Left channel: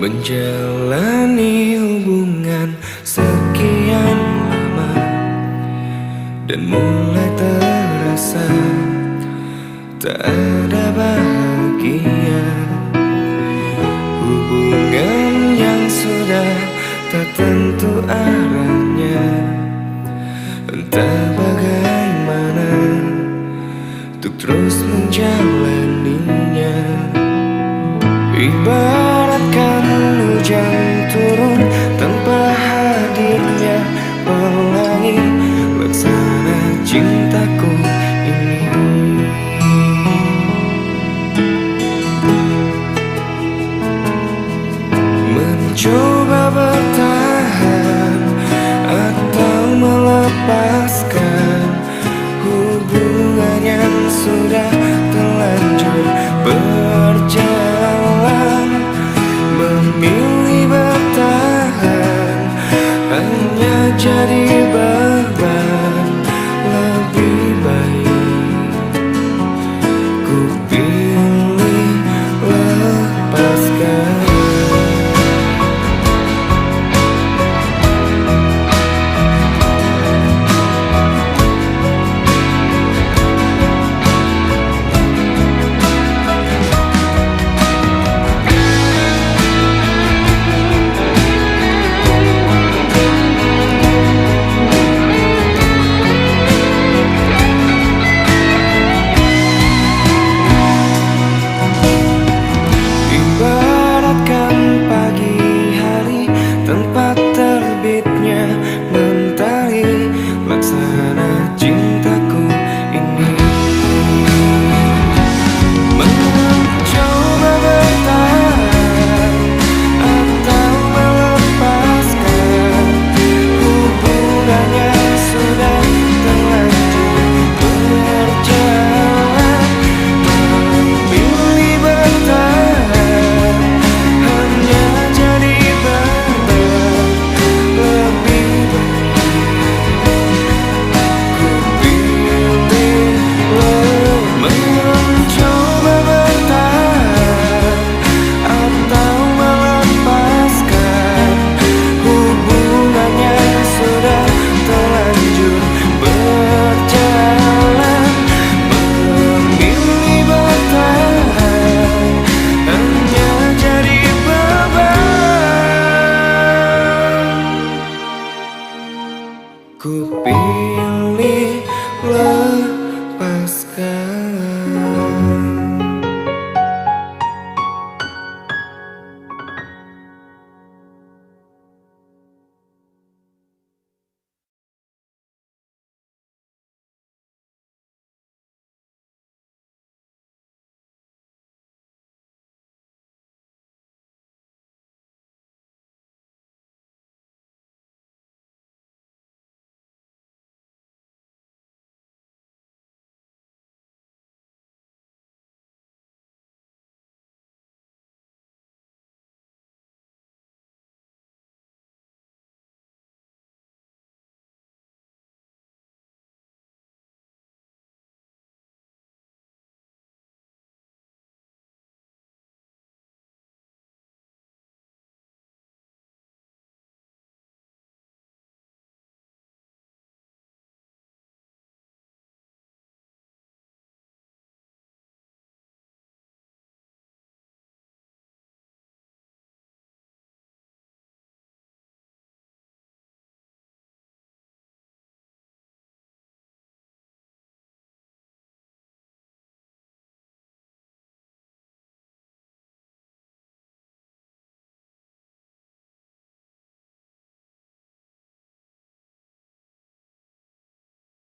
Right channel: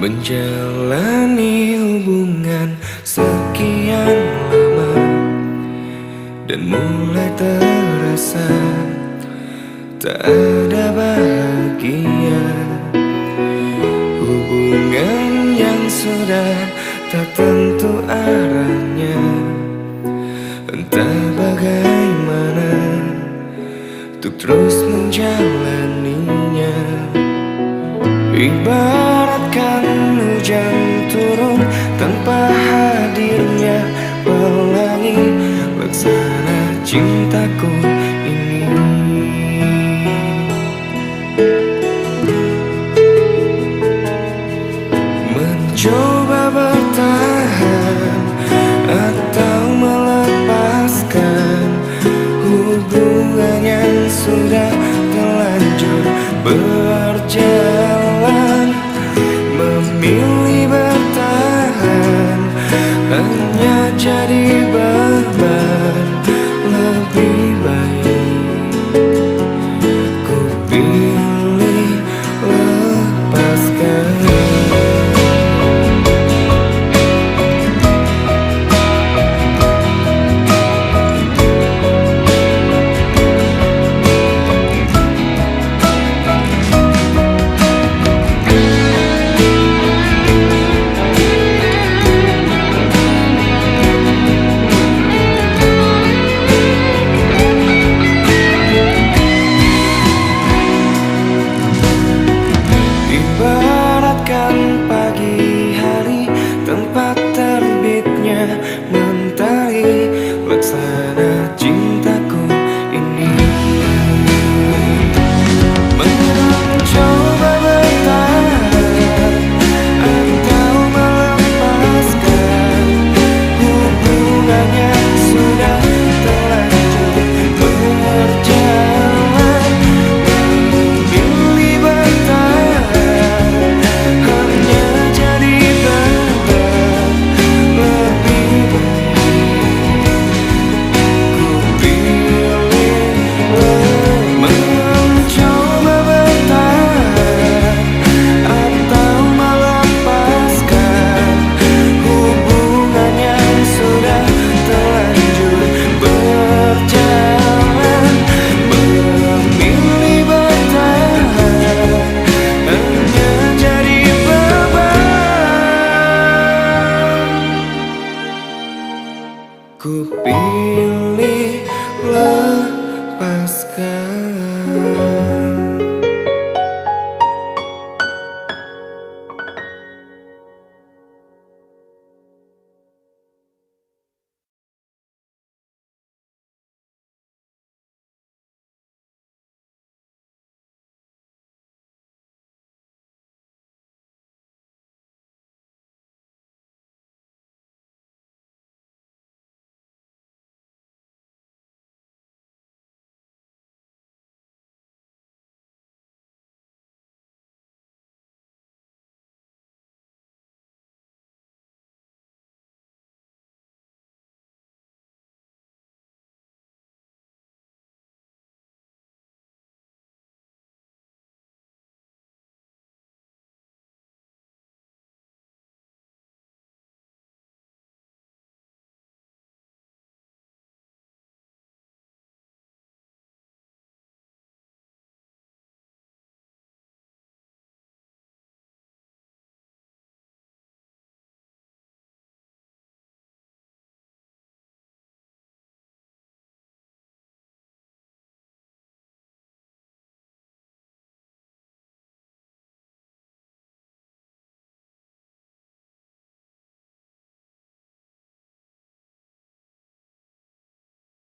Menjalani hubungan sekian lama dan mulai terasa tak ada bahagia. Hubungan yang sudah tak tentu arahnya, entah bagaimana untuk terus menjalaninya. Ibaratkan hujan turun tanpa hadirnya pelangi, laksana cintaku ini. Mencoba bertahan atau melepaskan hubungan yang sudah terlanjur berjalan. Memilih bertahan hanya jadi beban. Lebih baik ku pilih lepaskan. Ibaratkan pagi hari tempat terbitnya mentari, laksana